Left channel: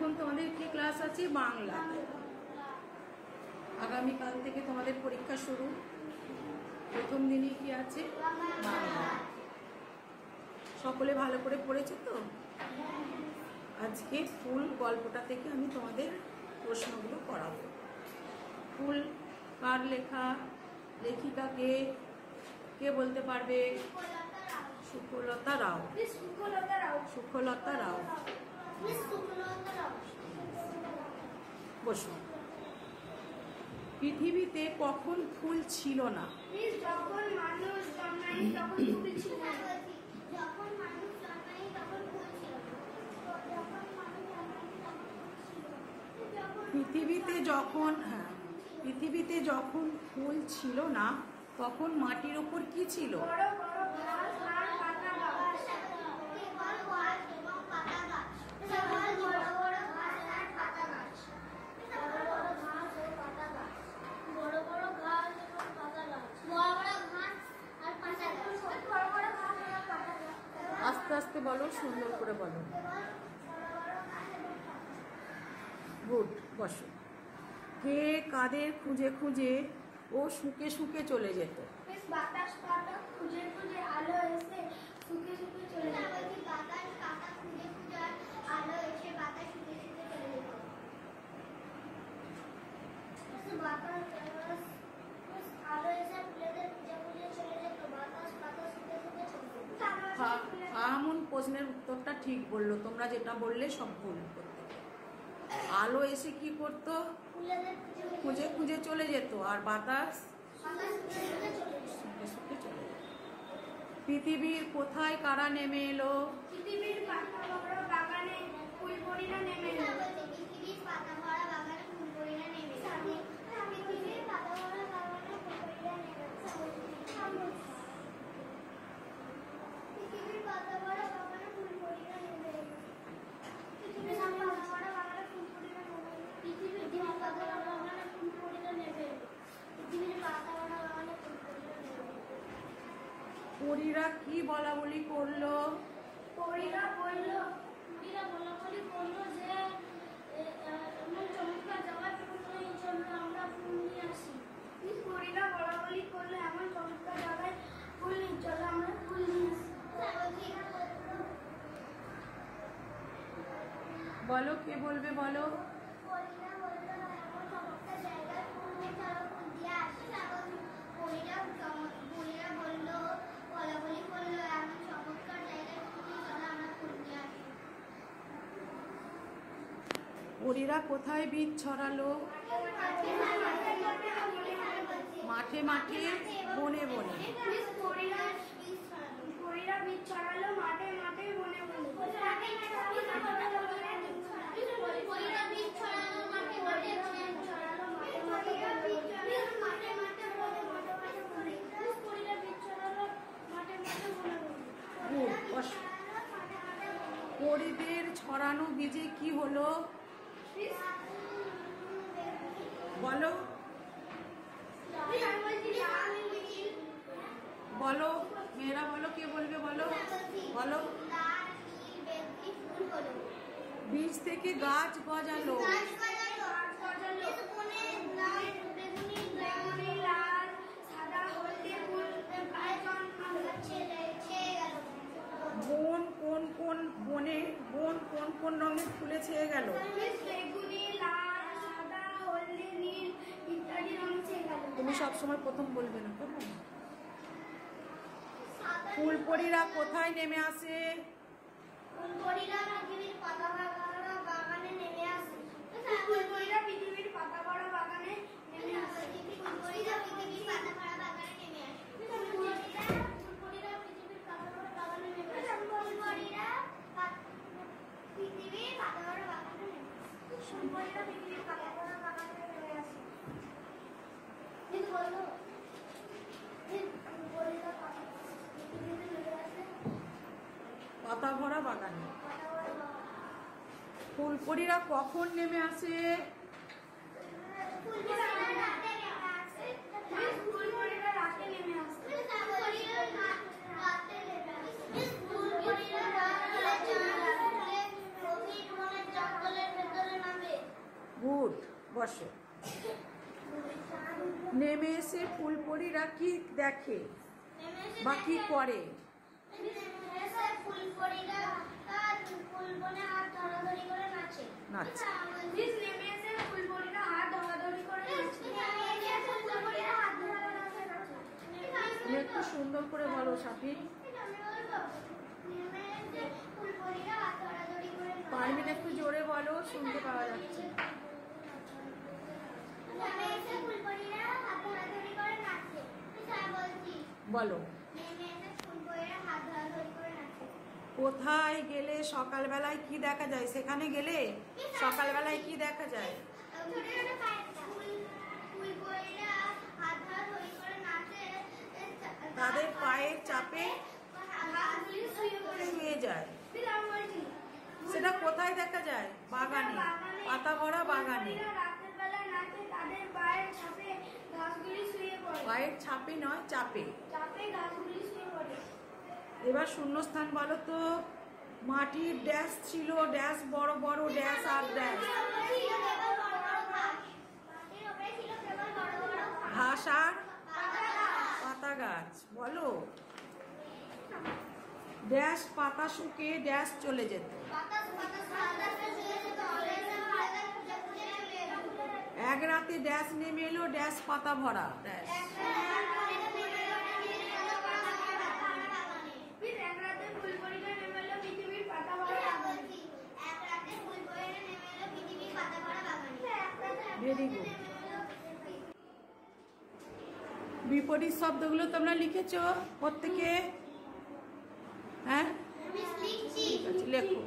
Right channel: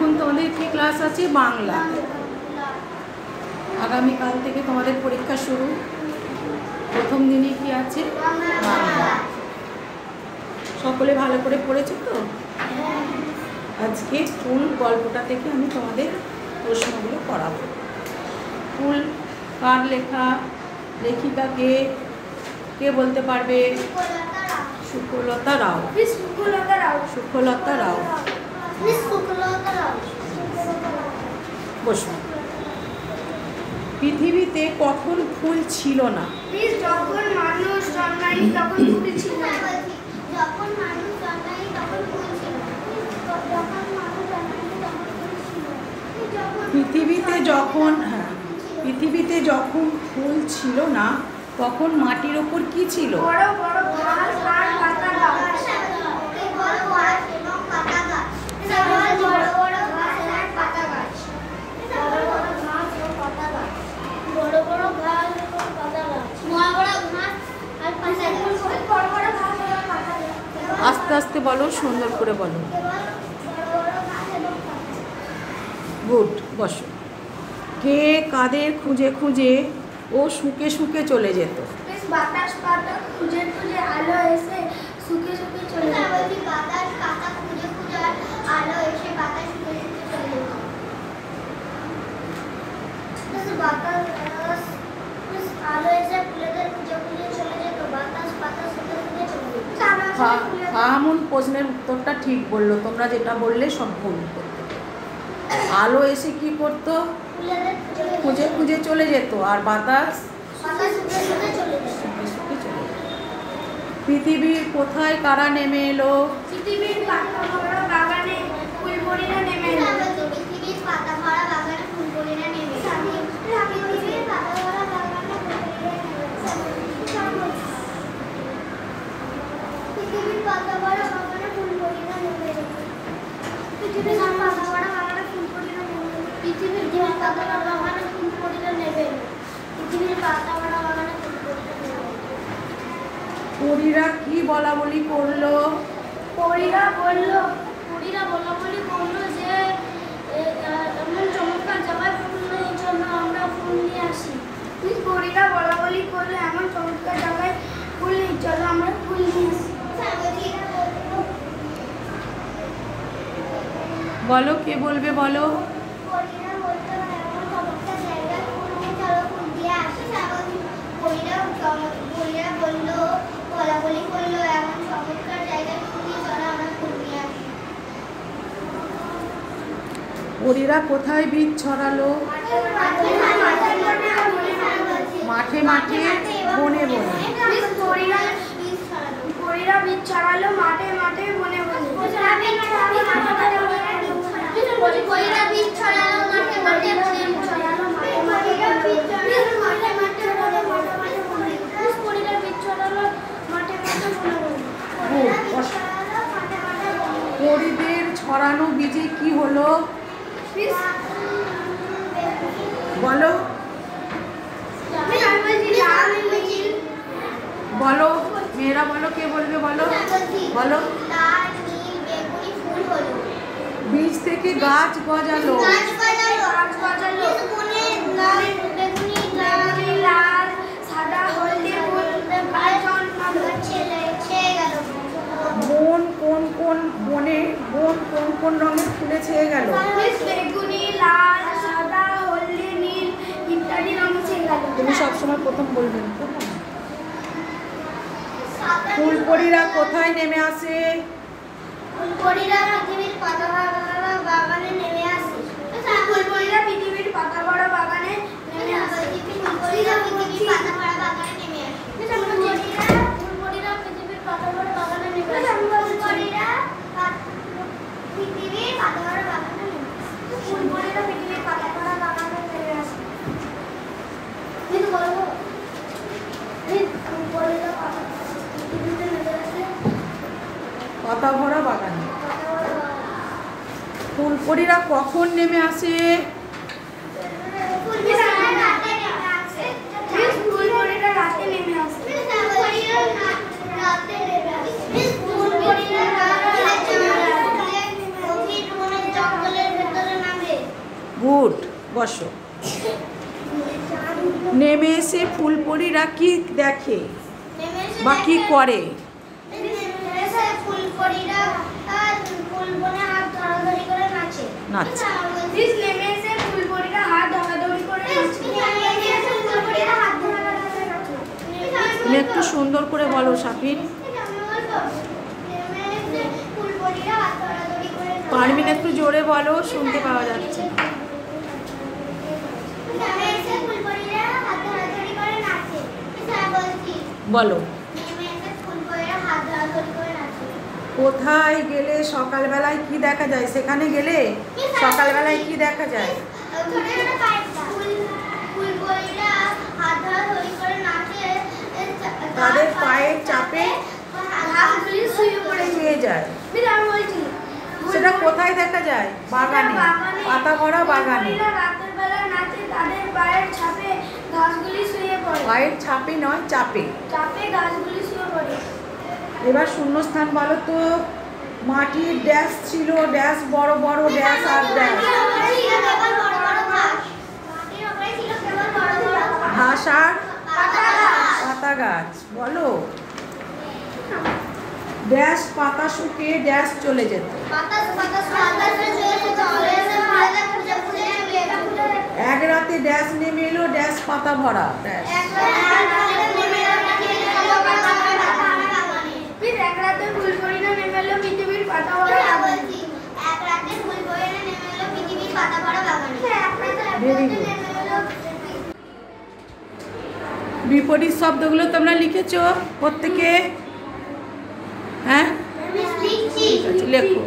এখন তোমাদের কি ক্লাস আছে? বাংলা। আগামীকাল থেকে তোমাদের পরীক্ষা শুরু। প্রথম দিনে কি আছে? বাংলা। সকলে ভালো করে পড়েছো তো? আজকে ফুল গল্পটা থেকে আমি তোমাদের প্রশ্নগুলো করাবো। ফুল কার লেখা? লেখিকা কে? কে বলতে পারবে? সুখলতা রাও। সুখলতা রাও। বসুন। পৃথিবীতে কখন ফুল ছিল না? যখন মানুষ জন্মায়নি তখন ফুল ছিল না। পৃথিবীতে যখন ফুল ছিল না তখন মাটির ওপর কি ছিল? বড় বড় ঘাস আর পাতা গাছ। আস্তে আস্তে বলো, সুন্দর করে বলো। গুড, বসো। কে কাদের খুঁজে খুঁজে ও শুকে শুকে চলে যেত? বাতাস পাতা খুঁজে খুঁজে আলো এসে শুকে শুকে চলে যেত। বাতাস পাতা খুঁজে খুঁজে আলো এসে বাতাস শুকে শুকে চলে যেত। বাতাস আলো এসে ফুলেদের খুঁজে খুঁজে চলে যেত। বাতাস পাতা শুকে শুকে চলে যেত। ফাহামুন প্রশ্নের উত্তরটা ঠিক বললো, তোমরা যেটা বললে সব ভুল করতে। আলো এসে কি করতো? খুঁজে খুঁজে চলে যেত। আর বাতাস শুকে শুকে চলে যেত। পৃথিবীর কোথায় কারা নেমে এলো? পৃথিবীর পাতা ভরা বাগানে ফুলপরিরা নেমে এলো। পৃথিবীর পাতা ভরা বাগানে ফুলপরিরা নেমে এলো। পৃথিবীর পাতা ভরা বাগানে ফুলপরিরা নেমে এলো। পৃথিবীর পাতা ভরা বাগানে ফুলপরিরা নেমে এলো। পৃথিবীর পাতা ভরা বাগানে ফুলপরিরা নেমে এলো। পৃথিবীর পাতা ভরা বাগানে ফুলপরিরা নেমে এলো। পৃথিবীর পাতা ভরা বাগানে ফুলপরিরা নেমে এলো। পরীরা কি বলা বলি করলো? পরীরা বলা বলি করলো যে এমন চমৎকার জায়গায় ফুল নেই, জন্য আমরা ফুল নিয়ে আসি। পরীরা বলা বলি করলো এমন চমৎকার জায়গায় ফুল নেই, চলো আমরা ফুল নিয়ে আসি। বলো, কে বলবে বলো? পরীরা বললো এমন চমৎকার জায়গায় ফুল নেই, চলো ফুল দিয়ে আসি। পরীরা বললো বলা বলি করলো এমন চমৎকার জায়গায় ফুল নেই, চলো আমরা ফুল নিয়ে আসি। পরীরা কোথায় বীজ ছড়ালো? মাঠে মাঠে, বনে বনে। পরীরা বীজ ছড়ালো মাঠে মাঠে, বনে বনে। পরীরা বীজ ছড়ালো মাঠে মাঠে, বনে পরীদের ছড়ানো বীজে কি হলো? বলো বলো, মেয়েরা বলো, কে বলবে বলো? বলো। বীজ থেকে গাছ গজালো। বন কোন কোন রঙের ফুলে ছেয়ে গেল? বেগুনি, লাল, সাদা, হলদে, নীল ইত্যাদি রঙে ছেয়ে গেল। তুমি সবসময় প্রথম বলবে না। ফুলপরীরা কোথায় নেমে আসে? ফুলপরীরা পৃথিবীর পাতা ভরা বাগানে নেমে আসে। ফুলপরীরা পৃথিবীর পাতা ভরা বাগানে নেমে আসে। ফুলপরীরা পৃথিবীর পাতা ভরা বাগানে নেমে আসে। ফুলপরীরা পৃথিবীর পাতা ভরা বাগানে নেমে আসে। ফুলপরীরা পৃথিবীর পাতা ভরা বাগানে নেমে আসে। ফুলপরীরা পৃথিবীর পাতা ভরা বাগানে নেমে আসে। কিন্তু বলবো ফুলপরীরা পৃথিবীতে নেমে আসে পাতা ভরা বাগানে। ফুলপরীরা কখন নেমে আসে? ফুলপরীরা রাতে নেমে আসে। জঙ্গলের ভেতর গুড, বসো। নেমে এসে ফুলপরীরা কি দেখে বা কি করে? ফুলপরীরা ফুলবনে হাত ধরাধরি করে নাচে। নাচে। নেমে এসে ফুলপরীরা হাত ধরাধরি করে নাচে। তুমি একটু সুন্দর করে বলো সাফিন। পারমিন একটু জোরে বলো, শুনতে পাওয়া যাচ্ছে। বলো। কোথায় গেলে সকালবেলায় কি দেখা যায়? সেখানে গেলে সকালবেলায় কি দেখা যায়? তাদের পায়ের চাপে শুয়ে যায়। সেটা কোথায় দেখা যায়? বাগানে, পাতা ভরা বাগানে। পায়ের ছাপে নয়, চাপে। এবার শূন্যস্থান বলো তো। মাটির ড্যাশ ছিল, ড্যাশ বড় বড় ড্যাশ আর ড্যাশ। ঘাস আর পাতা গাছ। বলো। ড্যাশ পাতা শুকিয়ে ড্যাশ চলে যেত। এক রাতে ড্যাশ নেমে এলো, ড্যাশ পাতা ভরা ড্যাশ। Very good. বিপরীত শব্দগুলো তোমরা লিখেছো প্রত্যেকে? হ্যাঁ, ঠিক আছে, লেখো।